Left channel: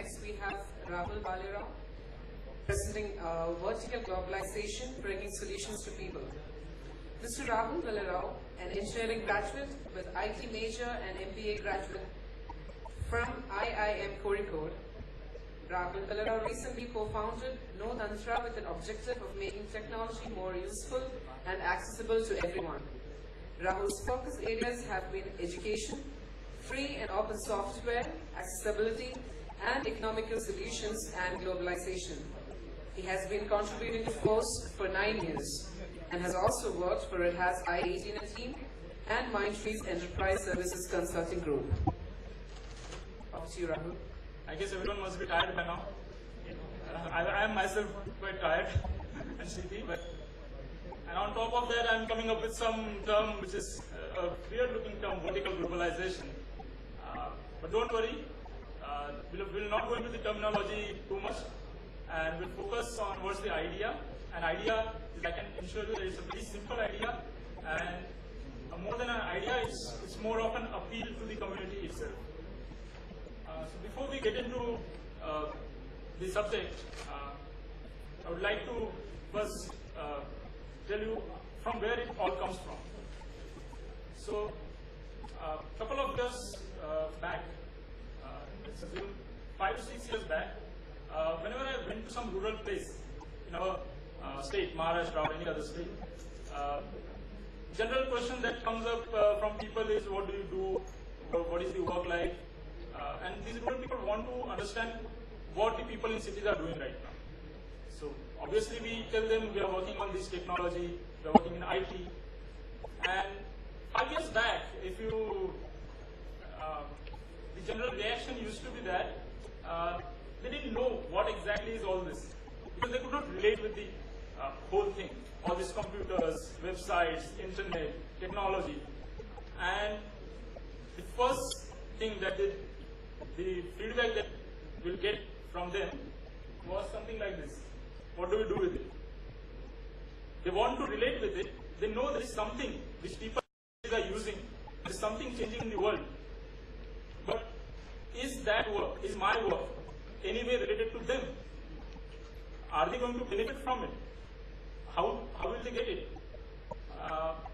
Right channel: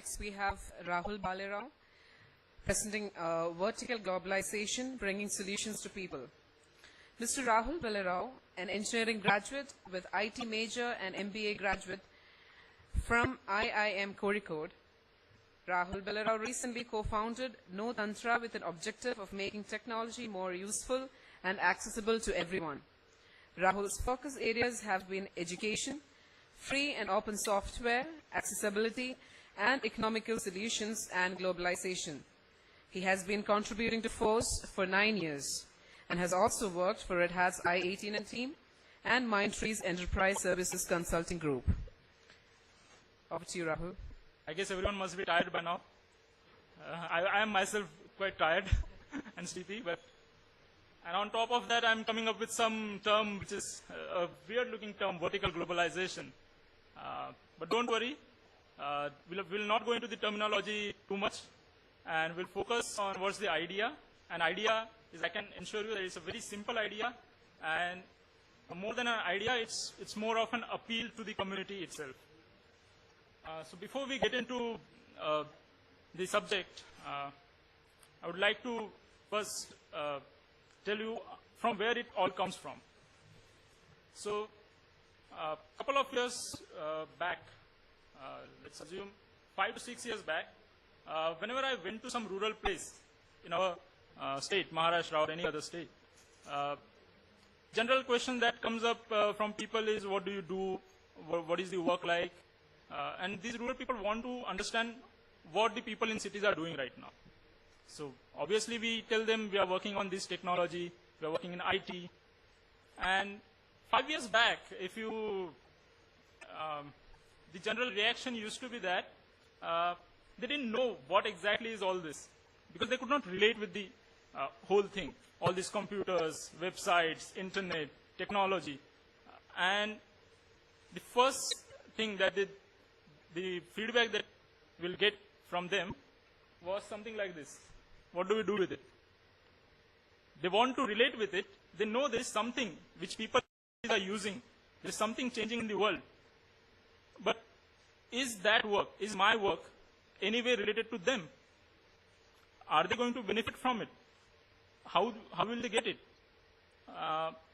next we have Rahul Balerao, presenting Vertical Globalization, Bringing Solutions to People. Mr. Rahul Balerao, an engineering graduate with IT major and MBA graduate from IIM Kozhikode. Rahul Balerao recently co-founded No Tantra with an objective of making technology more useful and accessible to everyone. Rahul's focus areas have been education, free and open software, accessibility, and economical solutions and globalization. He has been contributing to FORCE for 9 years and has also worked for Red Hat's I-18 team and Mindtree's Enterprise Services Consulting Group. Over to you, Rahul. I guess everyone must be tired by now. I am myself quite tired and sleepy, and on top of that, I'm coming up with some term which is a weird-looking term, vertical globalization. But don't worry, we'll not go into the terminology too much, and we'll focus on what's the idea. An idea is, I can assure you, that it's a very simple idea, and more than an idea, it's more of an appeal to the community itself. So before we get into the subject, I would like to first tell you from where it all comes from. So a couple of years back, let's assume 5 to 6 years back, whenever I went to some rural place in our state, Maharashtra or any other state, general question that comes up from people is, what do you do? What is your work like? And these rural people want to understand what the people in cities are doing right now. So obviously we tell them we are working on this technology, we are working in IT. And 5 years back, if you, the general reaction used to be that they didn't know what exactly is all this, because they could not relate with the whole thing, all these computers, websites, internet, technology. And the first thing that the feedback that we'll get from them was something like this. What do we do with it? They want to relate with it. They know there is something which people are using. There is something changing in the world. But is that work, is my work, any way related to them? Are they going to benefit from it? How will they get it?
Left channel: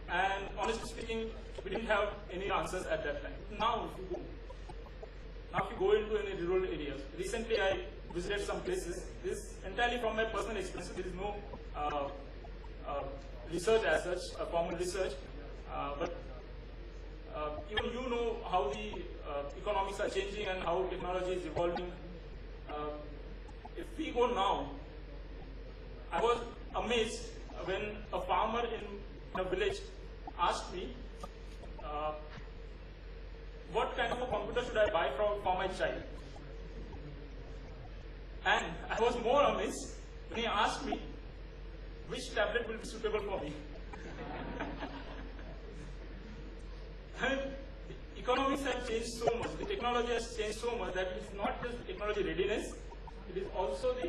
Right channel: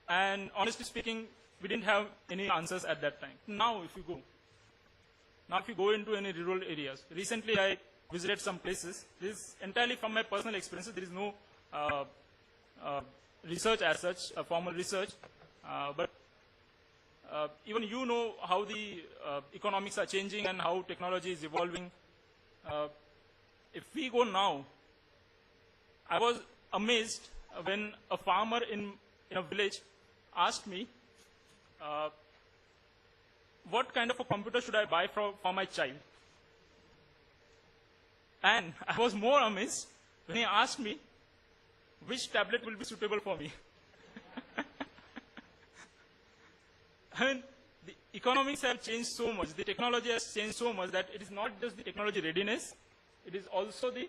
And honestly speaking, we didn't have any answers at that time. Now if you go into any rural areas, recently I visited some places. This is entirely from my personal experience. There is no research as such, formal research, but even you know how the economics are changing and how technology is evolving. If we go now, I was amazed when a farmer in a village asked me, what kind of a computer should I buy for my child? And I was more amazed when he asked me which tablet will be suitable for me. And the economics have changed so much, the technology has changed so much that it is not just the technology readiness, it is also the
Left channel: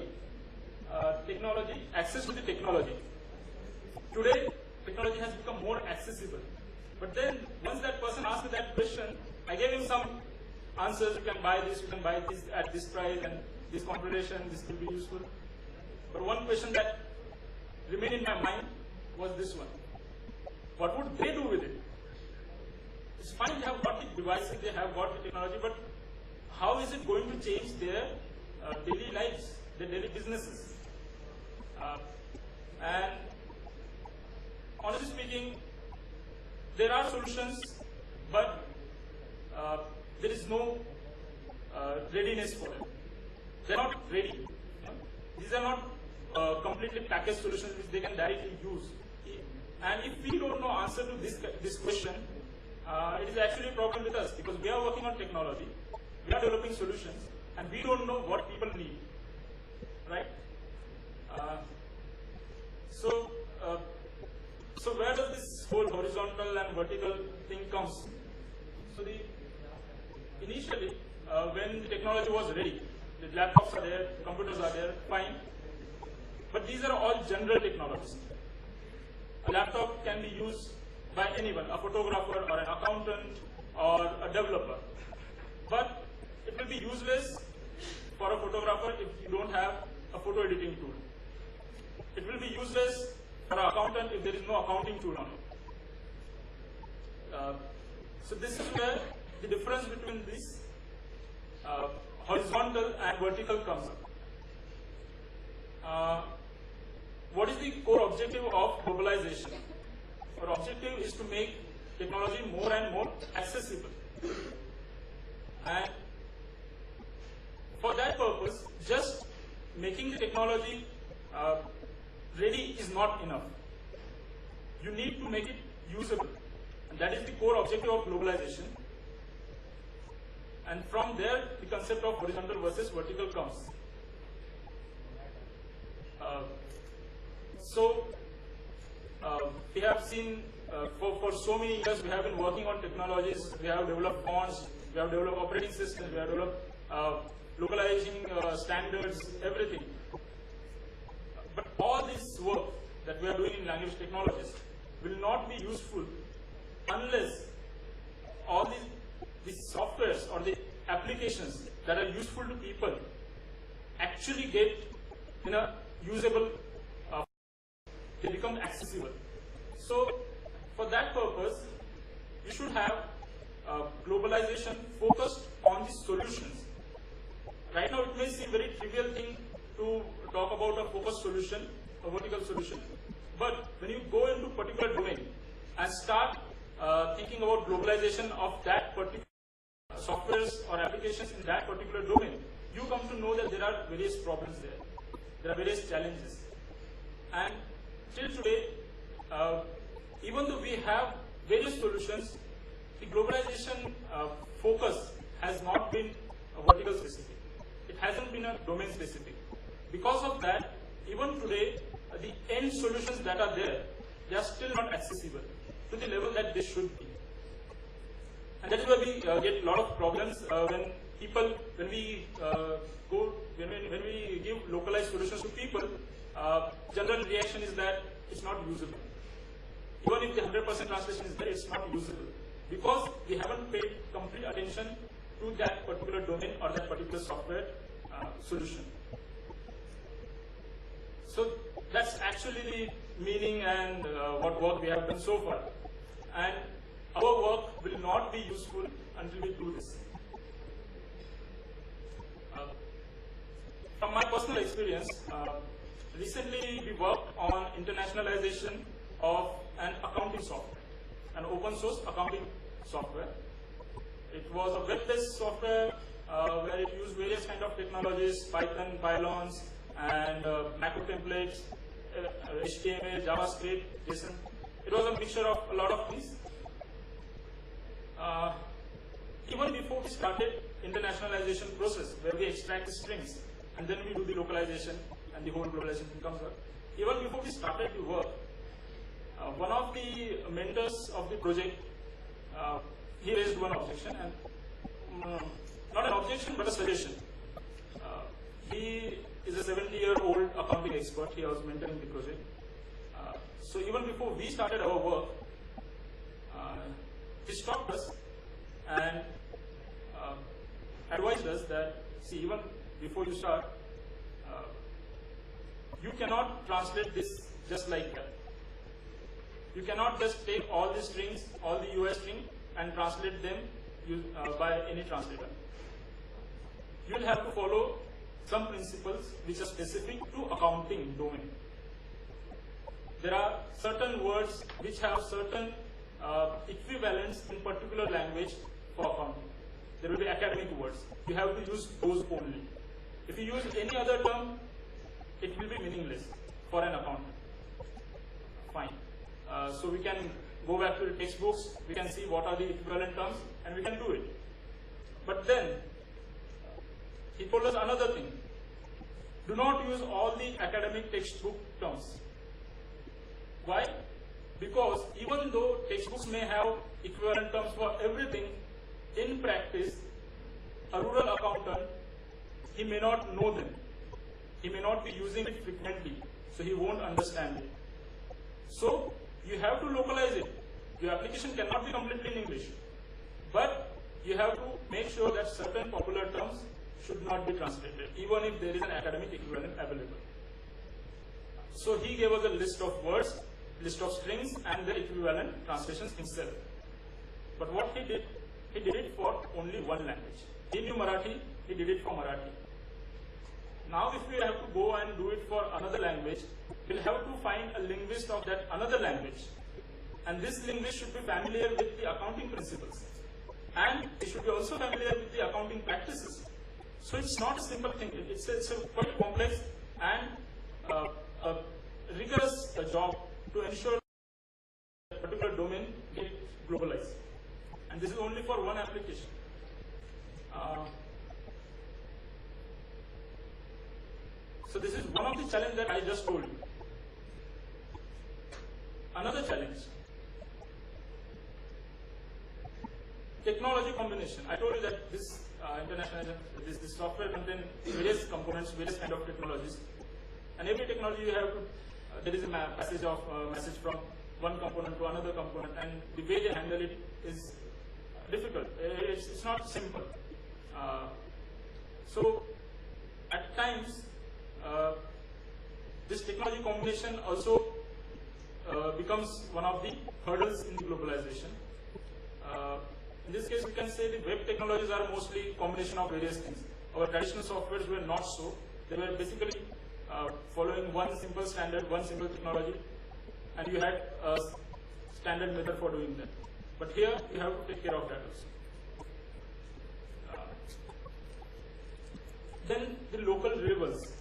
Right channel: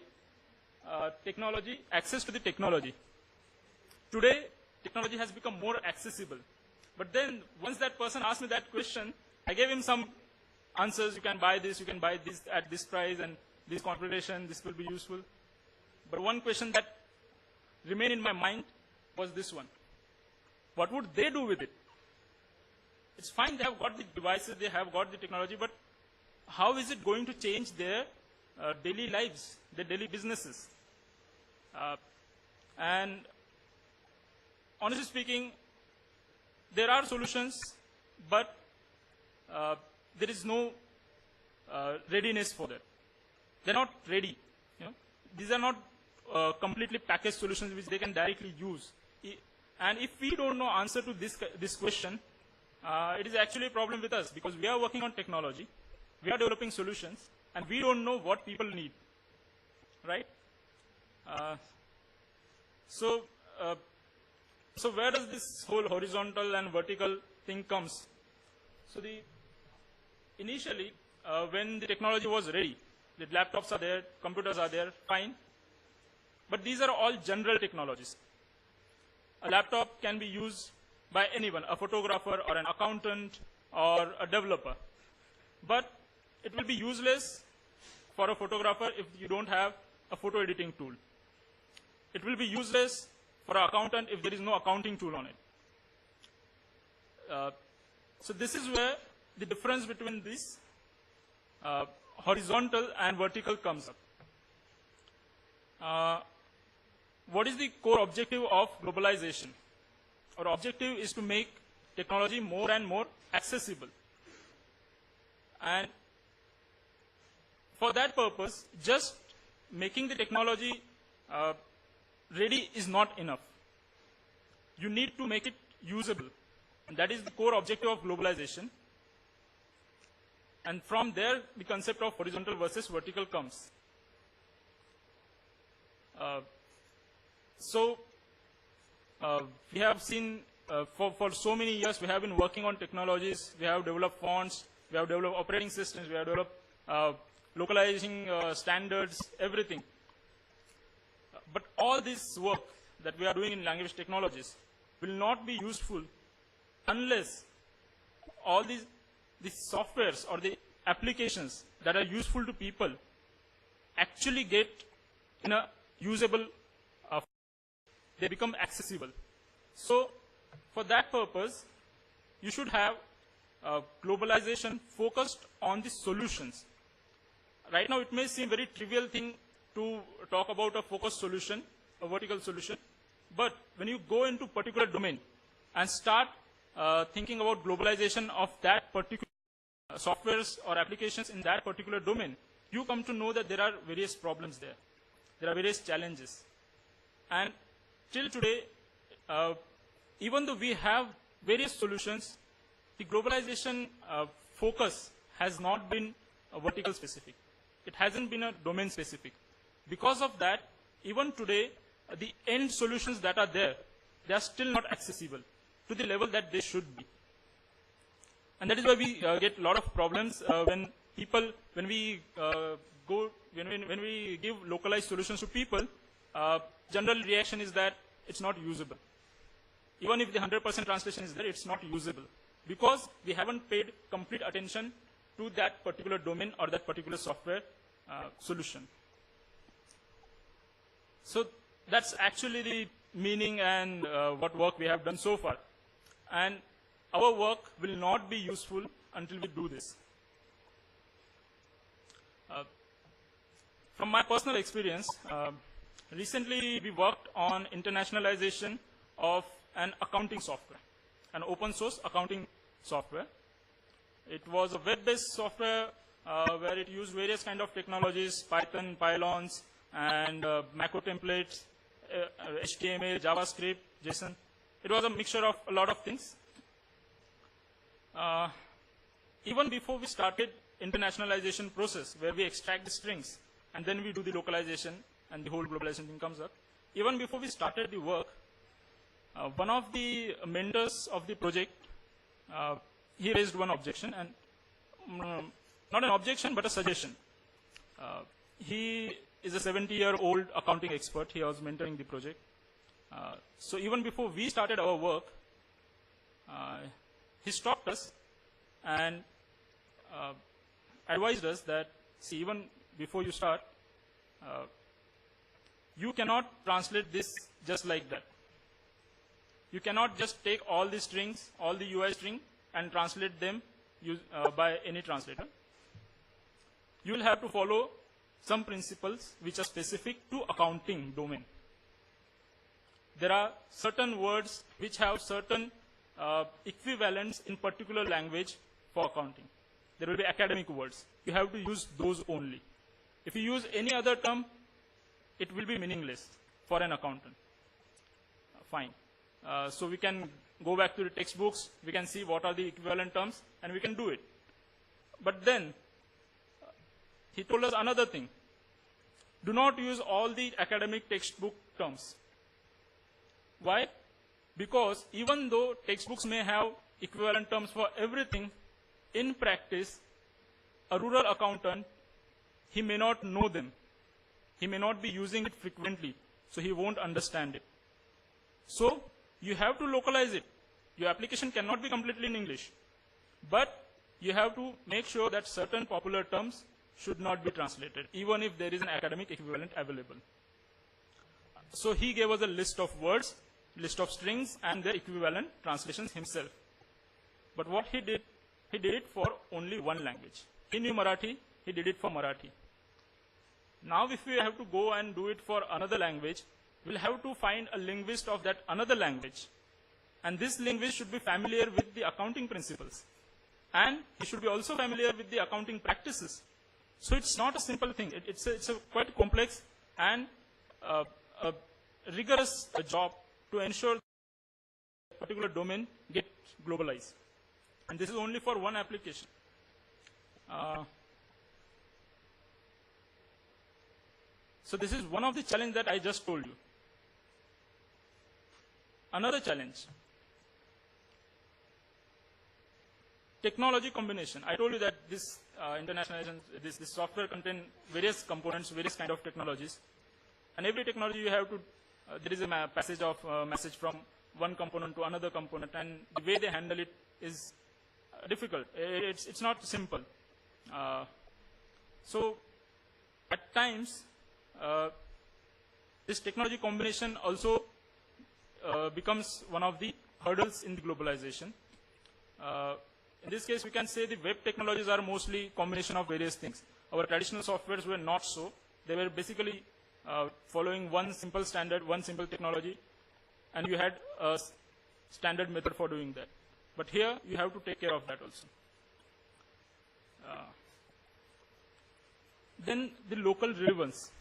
technology, access to the technology. Today, technology has become more accessible. But then, once that person asked me that question, I gave him some answers. You can buy this at this price, and this configuration, this will be useful. But one question that remained in my mind was this one. What would they do with it? It's fine, they have got the devices, they have got the technology, but how is it going to change their daily lives, their daily businesses? And honestly speaking, there are solutions, but there is no readiness for them. They're not ready. Yeah? These are not completely packaged solutions which they can directly use. And if we don't know answer to this question, it is actually a problem with us, because we are working on technology, we are developing solutions, and we don't know what people need, right? So where does this whole horizontal and vertical thing comes? So initially, when the technology was ready, the laptops are there, computers are there, fine. But these are all general technologies. A laptop can be used by anyone, a photographer or an accountant or a developer. But it will be useless for a photographer if you don't have a photo editing tool. It will be useless for an accountant if there is no accounting tool on it. So this is where the difference between this horizontal and vertical comes up. What is the core objective of globalization? Our objective is to make technology more and more accessible. And for that purpose, just making the technology ready is not enough. You need to make it usable. And that is the core objective of globalization. And from there, the concept of horizontal versus vertical comes. We have seen for so many years we have been working on technologies. We have developed fonts, we have developed operating systems, we have developed localizing standards, everything. But all this work that we are doing in language technologies will not be useful unless all these softwares or the applications that are useful to people actually get in a usable they become accessible. So for that purpose, you should have globalization focused on the solutions. Right now it may seem very trivial thing to talk about a focused solution, a vertical solution, but when you go into particular domain and start thinking about globalization of that particular softwares or applications in that particular domain, you come to know that there are various problems there. There are various challenges. And till today, even though we have various solutions, the globalization focus has not been vertical specific. It hasn't been a domain specific. Because of that, even today, the end solutions that are there, they are still not accessible to the level that they should be. And that is why we get a lot of problems when we give localized solutions to people. General reaction is that it's not usable. Even if the 100% translation is there, it's not usable because we haven't paid complete attention to that particular domain or that particular software solution. So that's actually the meaning and what work we have done so far. And our work will not be useful until we do this. From my personal experience, recently we worked on internationalization of an accounting software, an open source accounting software. It was a web-based software where it used various kind of technologies, Python, Pylons, and macro templates, HTML, JavaScript, JSON. It was a mixture of a lot of things. Even before we started internationalization process, where we extract the strings and then we do the localization and the whole globalization thing comes up. Even before we started the work, one of the mentors of the project, he raised one objection, and not an objection but a suggestion. He is a 70-year-old accounting expert. He was mentoring the project. So even before we started our work, he stopped us and advised us that, see, even before you start, you cannot translate this just like that. You cannot just take all the strings, all the UI string, and translate them by any translator. You will have to follow some principles which are specific to accounting domain. There are certain words which have certain equivalents in particular language for accounting. There will be academic words. You have to use those only. If you use any other term, it will be meaningless for an accountant. Fine. So we can go back to the textbooks, we can see what are the equivalent terms, and we can do it. But then, he told us another thing. Do not use all the academic textbook terms. Why? Because even though textbooks may have equivalent terms for everything, in practice, a rural accountant, he may not know them. He may not be using it frequently, so he won't understand it. So, you have to localize it. Your application cannot be completely in English. But you have to make sure that certain popular terms, should not be translated, even if there is an academic equivalent available. So he gave us a list of words, list of strings, and their equivalent translations himself. But what he did it for only one language. He knew Marathi, he did it for Marathi. Now if we have to go and do it for another language, we'll have to find a linguist of that another language. And this linguist should be familiar with the accounting principles. And he should be also familiar with the accounting practices. So it's not a simple thing. It's a quite complex and a rigorous job to ensure that a particular domain gets globalized. And this is only for one application. So this is one of the challenges that I just told you. Another challenge, technology combination. I told you that this this software contains various components, various kind of technologies, and every technology you have to. There is a passage of message from one component to another component, and the way they handle it is difficult. It's not simple. So at times, this technology combination also becomes one of the hurdles in globalization. In this case, we can say the web technologies are mostly combination of various things. Our traditional softwares were not so. They were basically following one simple standard, one simple technology, and you had a standard method for doing that. But here, you have to take care of that also. Then the local relevance.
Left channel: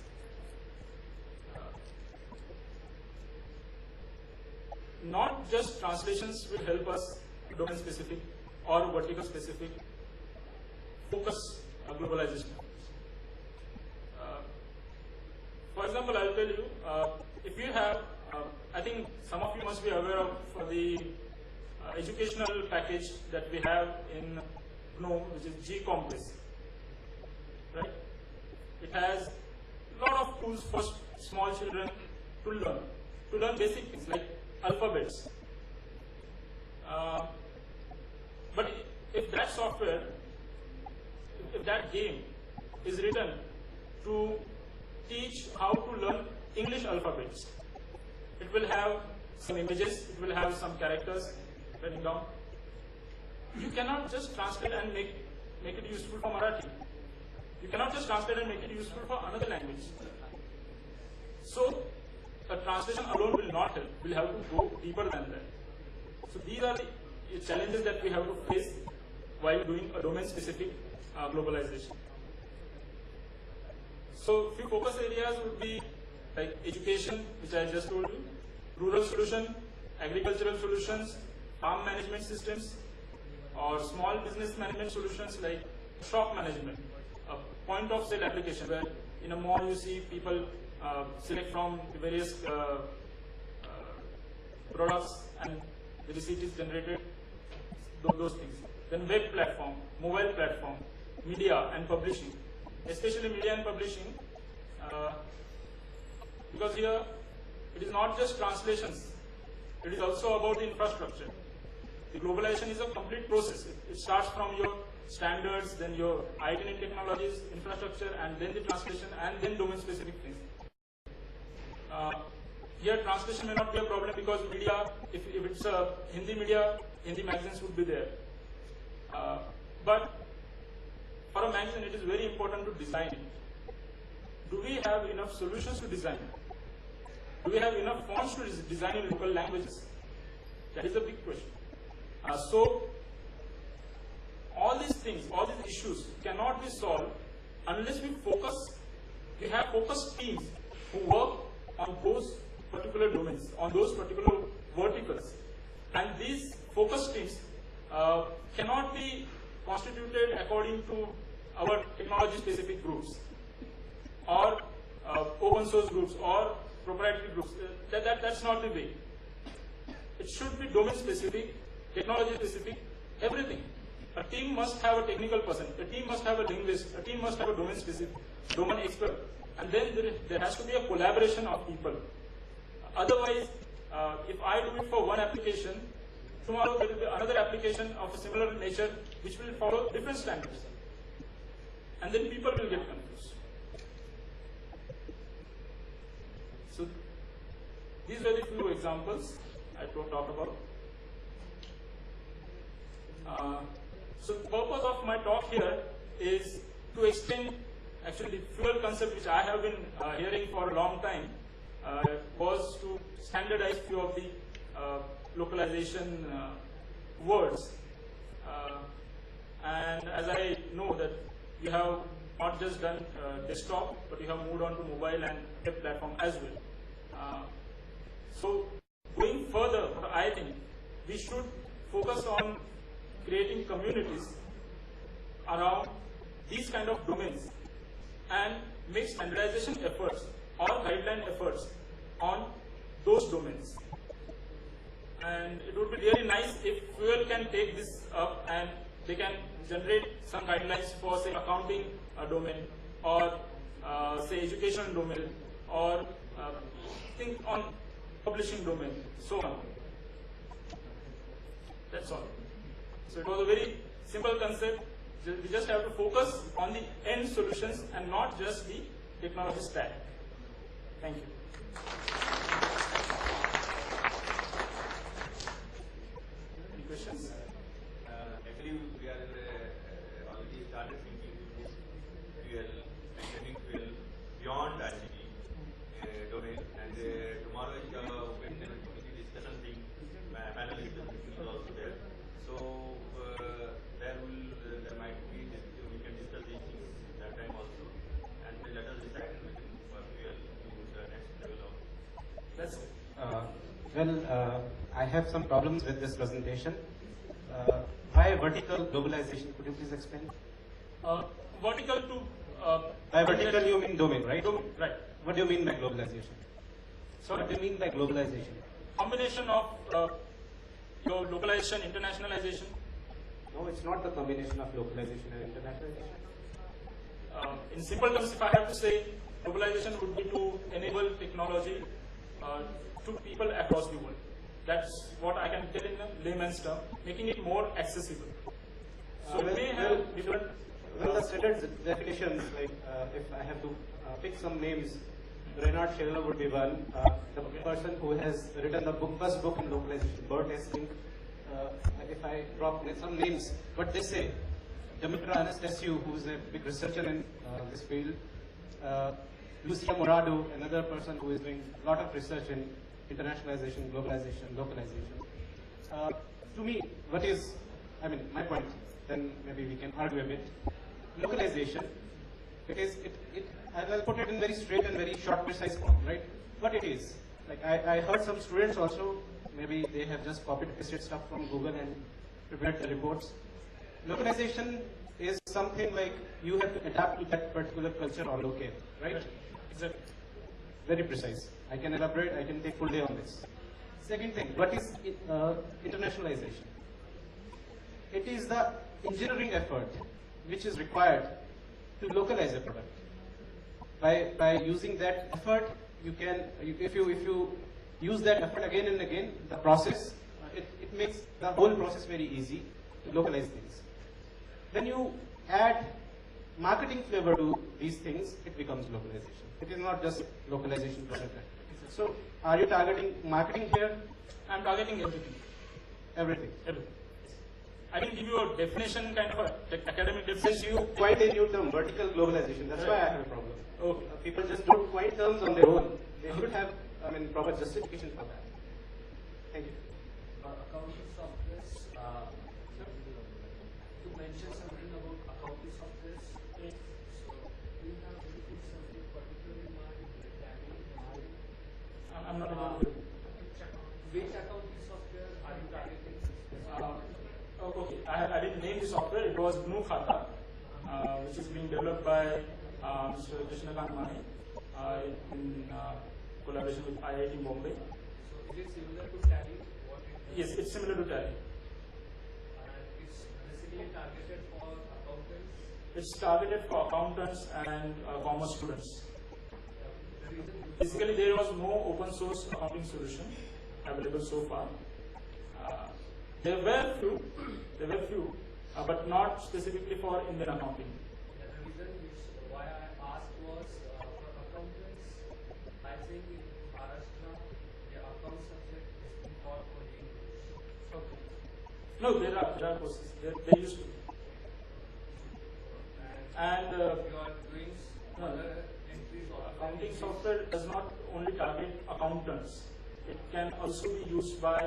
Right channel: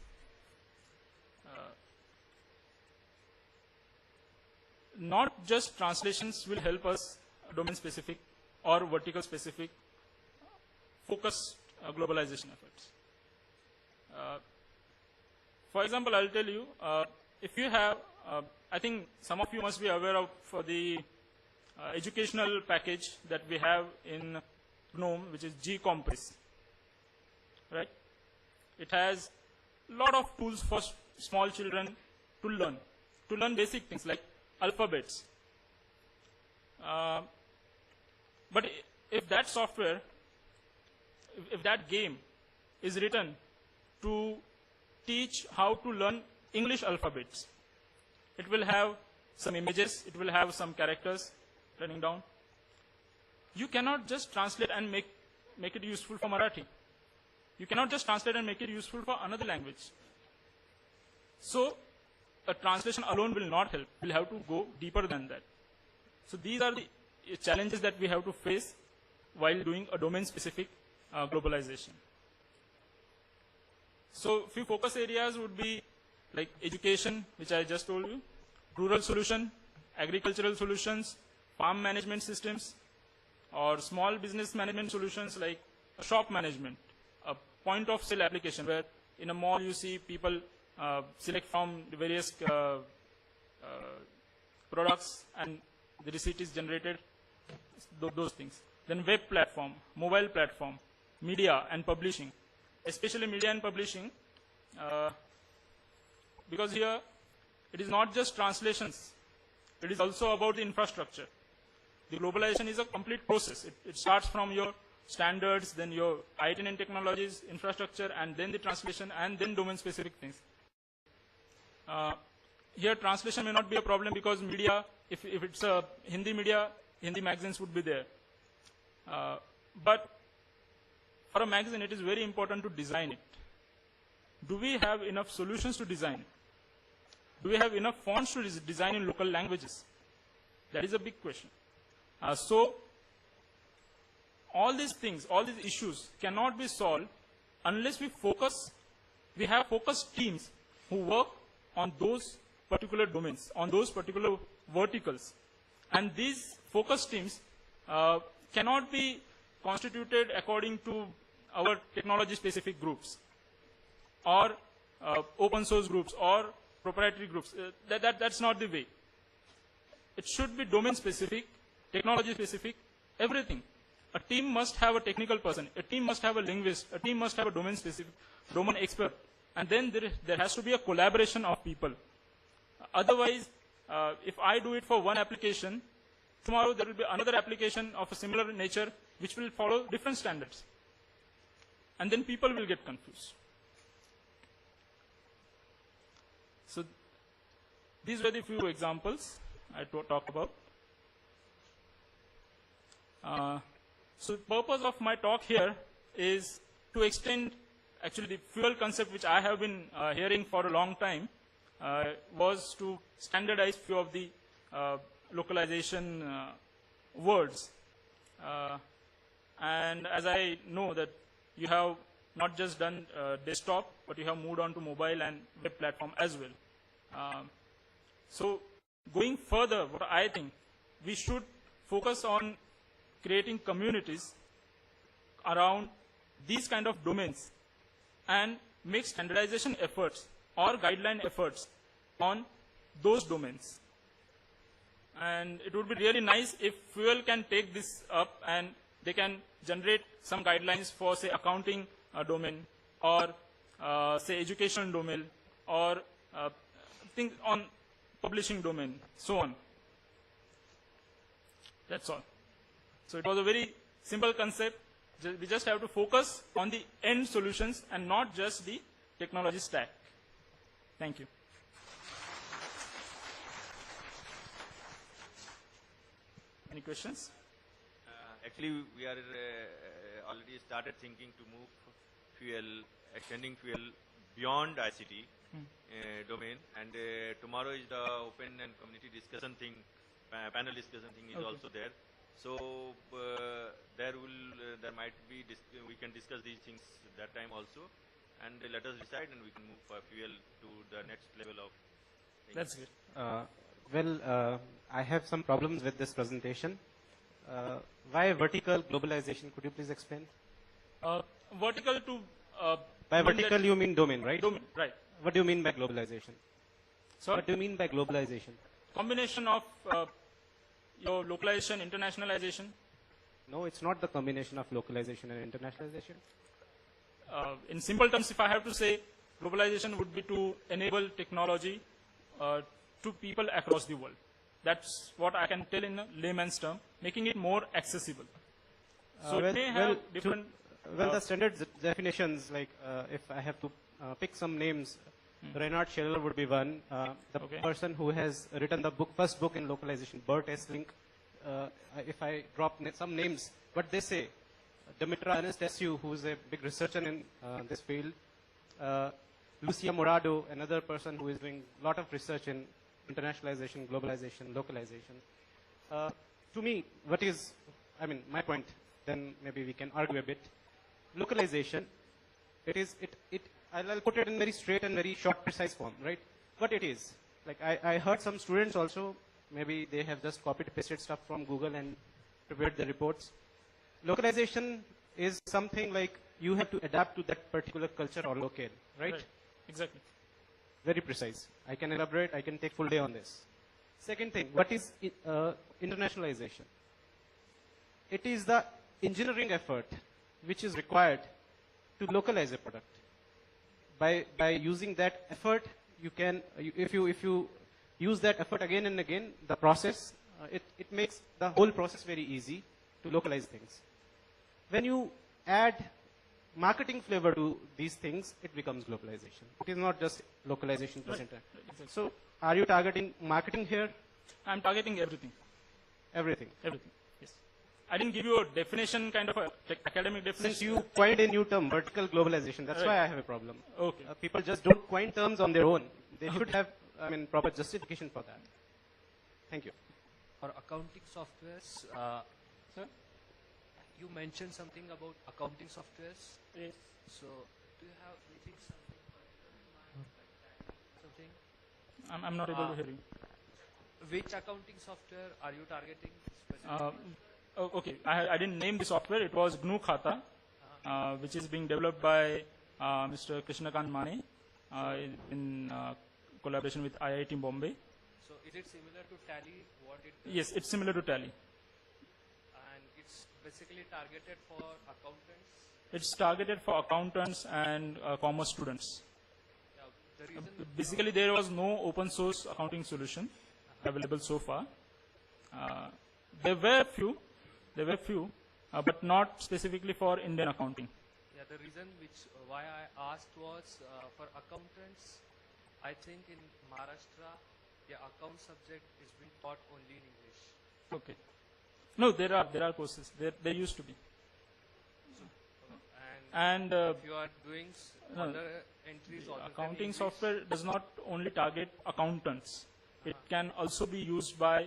Not just translations will help us domain specific or vertical specific focus globalization efforts. For example, I'll tell you, if you have, I think some of you must be aware of the educational package that we have in GNOME, which is GCompass, right? It has a lot of tools for small children to learn basic things like alphabets. But if that software, if that game is written to teach how to learn English alphabets, it will have some images, it will have some characters running down. You cannot just translate and make it useful for Marathi. You cannot just translate and make it useful for another language. So a translation alone will not help. We'll have to go deeper than that. So these are the challenges that we have to face while doing a domain-specific globalization. So few focus areas would be like education, which I just told you, rural solution, agricultural solutions, farm management systems, or small business management solutions like shop management, a point of sale application where in a mall you see people select from the various products and the receipt is generated, those things. Then web platform, mobile platform, media and publishing, especially media and publishing, because here it is not just translations, it is also about the infrastructure. The globalization is a complete process. It starts from your standards, then your IT and technologies, infrastructure, and then the translation, and then domain-specific things. Here translation may not be a problem because media, if it's a Hindi media, Hindi magazines would be there. But for a magazine, it is very important to design it. Do we have enough solutions to design? Do we have enough fonts to design in local languages? That is a big question. So all these things, all these issues cannot be solved unless we have focused teams who work on those particular domains, on those particular verticals. And these focus teams cannot be constituted according to our technology-specific groups or open source groups or proprietary groups. That's not the way. It should be domain-specific, technology-specific, everything. A team must have a technical person, a team must have a linguist, a team must have a domain-specific, domain expert, and then there has to be a collaboration of people. Otherwise, if I do it for one application, tomorrow there will be another application of a similar nature which will follow different standards. and then people will get confused. So these were the few examples I talked about. So the purpose of my talk here is to extend actually the fuel concept which I have been hearing for a long time was to standardize few of the localization words. And as I know that you have not just done desktop, but you have moved on to mobile and web platform as well. So going further, what I think we should focus on creating communities around these kind of domains and make standardization efforts or guideline efforts on those domains. And it would be really nice if Fuel can take this up and they can generate some guidelines for, say, accounting domain, or say education domain, or think on publishing domain, so on. That's all. So it was a very simple concept. We just have to focus on the end solutions and not just the technology stack. Thank you. Any questions? Actually, we are already started thinking to move Fuel, extending Fuel beyond ICT domain, and tomorrow is the open and community discussion thing, panel discussion thing is also there. So there might be we can discuss these things that time also, and let us decide and we can move Fuel to the next level of. That's it. I have some problems with this presentation. Why vertical globalization? Could you please explain? Vertical to By vertical you mean domain, right? domain, right? What do you mean by globalization? So What do you mean by globalization? combination of your localization, internationalization. No, it's not the combination of localization and internationalization. In simple terms, if I have to say, globalization would be to enable technology to people across the world. That's what I can tell in a layman's term, making it more accessible. So it may have different. The standard definitions, like if I have to pick some names, Reinhard Scheller would be one. The Okay. person who has written the first book in localization, Bert Essling. If I drop some names, but they say Dimitra Anastasiou, who is a big researcher in this field, Lucia Morado, another person who is doing a lot of research in internationalization, globalization, localization. To me, my point, then maybe we can argue a bit. Localization, I'll put it in very straight and very short, precise form, right? What it is. Like I heard some students also, maybe they have just copied pasted stuff from Google and prepared the reports. Localization is something like you have to adapt to that particular culture or locale, right? Exactly. Very precise. I can elaborate, I can take full day on this. Second thing, what is internationalization? It is the engineering effort which is required to localize a product. By using that effort, you can, if you use that effort again and again, the process, it makes the whole process very easy to localize things. When you add marketing flavor to these things, it becomes localization. It is not just localization present. So, are you targeting marketing here? I'm targeting everything. Everything. Everything. Yes. I didn't give you a definition, kind of a academic Since definition. you coined a new term, vertical globalization, that's why I have a problem. Okay. People just don't coin terms on their own. They should have, proper justification for that. Thank you. For accounting softwares, sir, you mentioned something about accounting softwares. So, do you have anything particular in mind? I'm not able to hear you. Which accounting software are you targeting? Okay, I didn't name the software. It was GNU Khata, which is being developed by Mr. Krishnakant Mani in collaboration with IIT Bombay. So, is it similar to Tally? What you Yes, it's similar to Tally. and it's basically targeted for accountants. It's targeted for accountants and commerce students. The reason Basically, there was no open source accounting solution available so far. There were few, but not specifically for Indian accounting. Yeah, the reason No, there are courses. There used to be. And If you are doing no. other entries or accounting software does not only target accountants. It can also be used by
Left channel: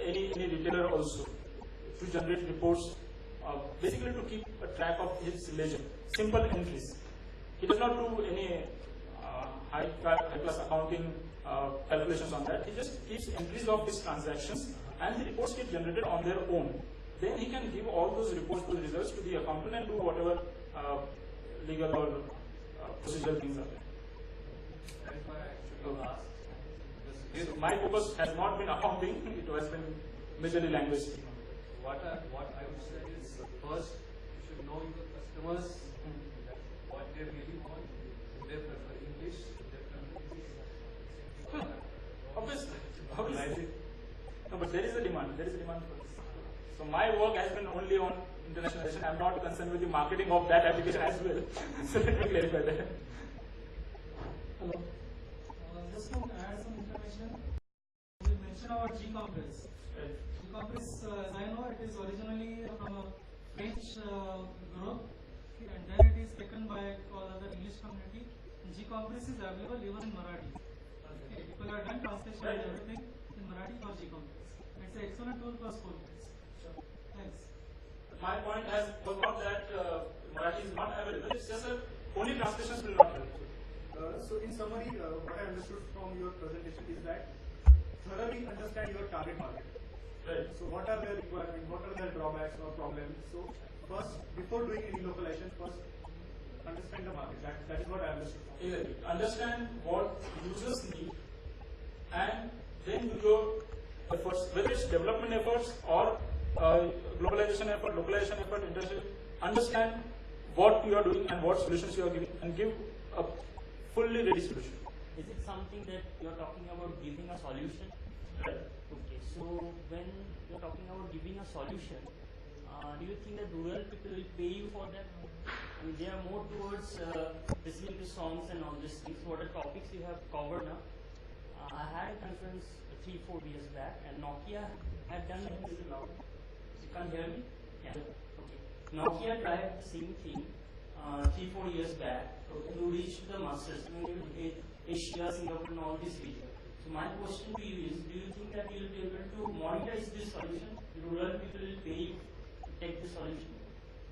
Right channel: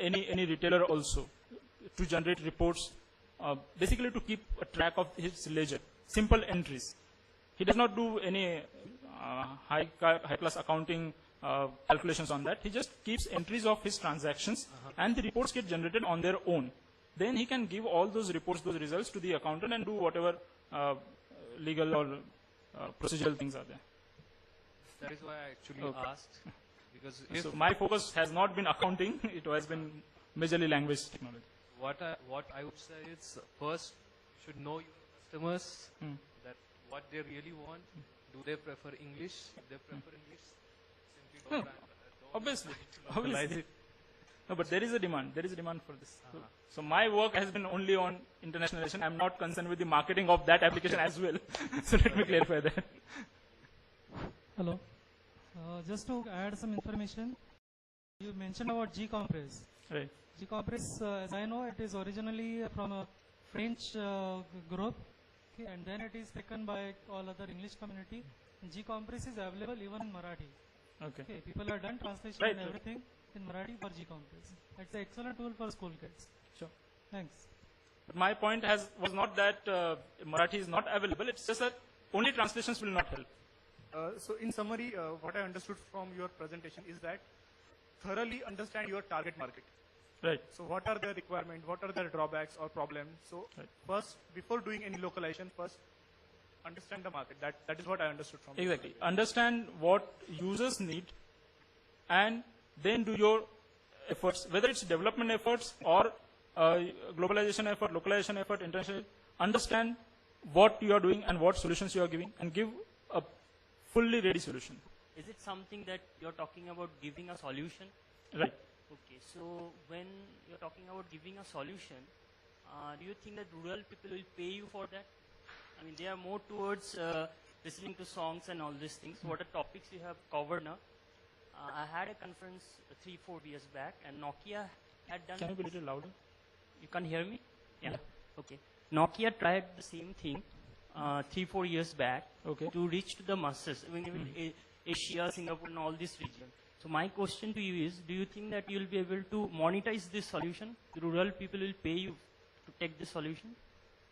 any retailer also to generate reports, basically to keep a track of his ledger. Simple entries. He does not do any high class accounting calculations on that. He just keeps entries of his transactions, and the reports get generated on their own. Then he can give all those reports, those results to the accountant and do whatever legal or procedural things are there. that is why I actually Okay. asked. Because So my focus has not been accounting, it has been majorly language technology. what I would say is first you should know your customers, that what they really want. Do they prefer English? Do they prefer English? Obviously. No, but there is a demand. There is a demand for this. So my work has been only on internationalization. I am not concerned with the marketing of that application as well. So let me clarify that. Hello. Just to add some information, you mentioned about G-Compress. Right. G-Compress, as I know, it is originally from a French group, okay, and then it is taken by all other English community. And G-Compress is available even in Marathi. Okay. Okay, people have done translation Right. and everything in Marathi for G-Compress. It's an excellent tool for school kids. Sure. Thanks. But my point was not that Marathi is not available. It's just that only translations will not help. So in summary, what I understood from your presentation is that thoroughly understand your target market. Right. So what are their requirements, what are their drawbacks or problems? So first, before doing any localization, first understand the market. That is what I understood from. Exactly. Understand what users need and then do your efforts, whether it's development efforts or globalization effort, localization effort, international. Understand what you are doing and what solutions you are giving, and give a fully ready solution. Is it something that you're talking about giving a solution? Right. Okay, so when you're talking about giving a solution, do you think that rural people will pay you for that? I mean, they are more towards listening to songs and all these things. What are topics you have covered now? I had a conference 3-4 years back, and Nokia had done. Can you be a little louder? You can't hear me? Yeah. Okay. Nokia tried the same thing 3-4 years back to reach to the masses. I mean, in Asia, Singapore, and all these regions. So my question to you is: do you think that you will be able to monetize this solution? Rural people will pay you to take this solution?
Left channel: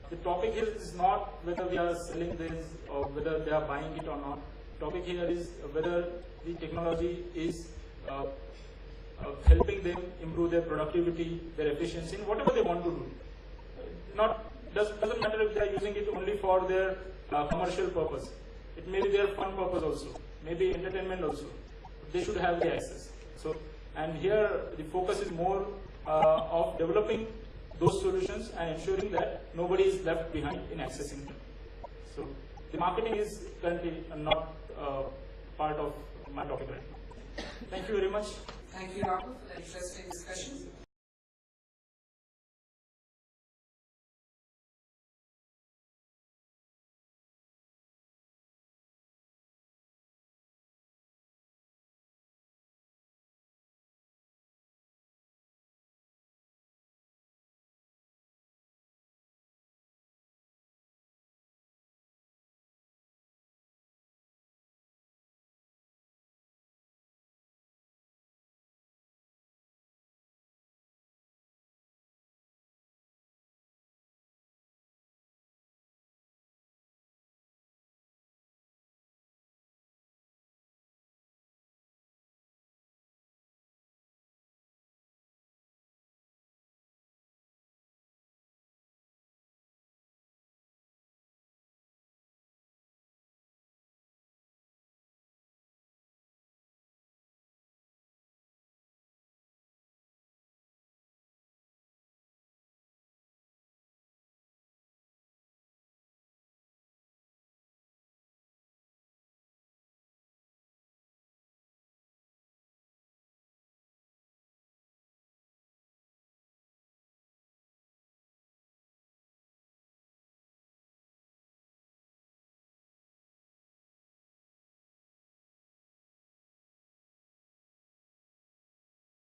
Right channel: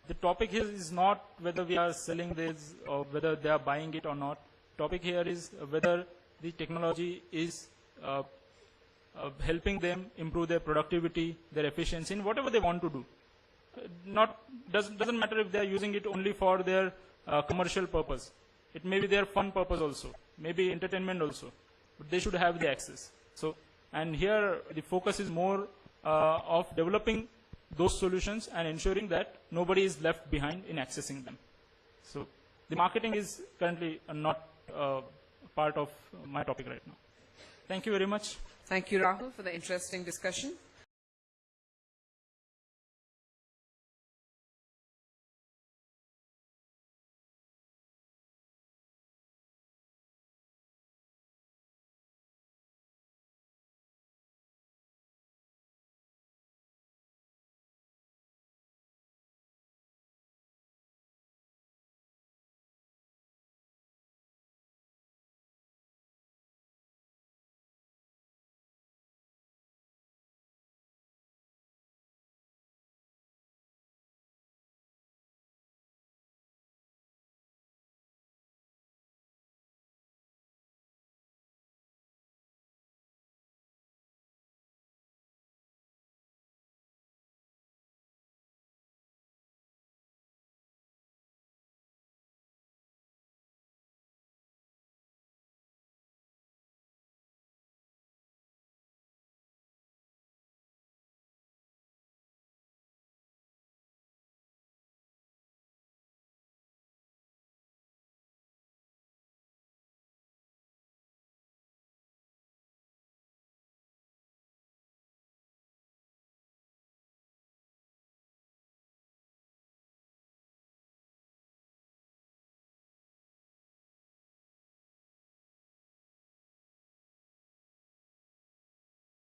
The topic here is not whether we are selling this or whether they are buying it or not. Topic here is whether the technology is helping them improve their productivity, their efficiency, in whatever they want to do. Doesn't matter if they are using it only for their commercial purpose. It may be their fun purpose also, maybe entertainment also. But they should have the access. So, and here the focus is more of developing those solutions and ensuring that nobody is left behind in accessing them. So, the marketing is currently not part of my topic right now. Thank you very much. Thank you, Rahul, for the interesting discussion.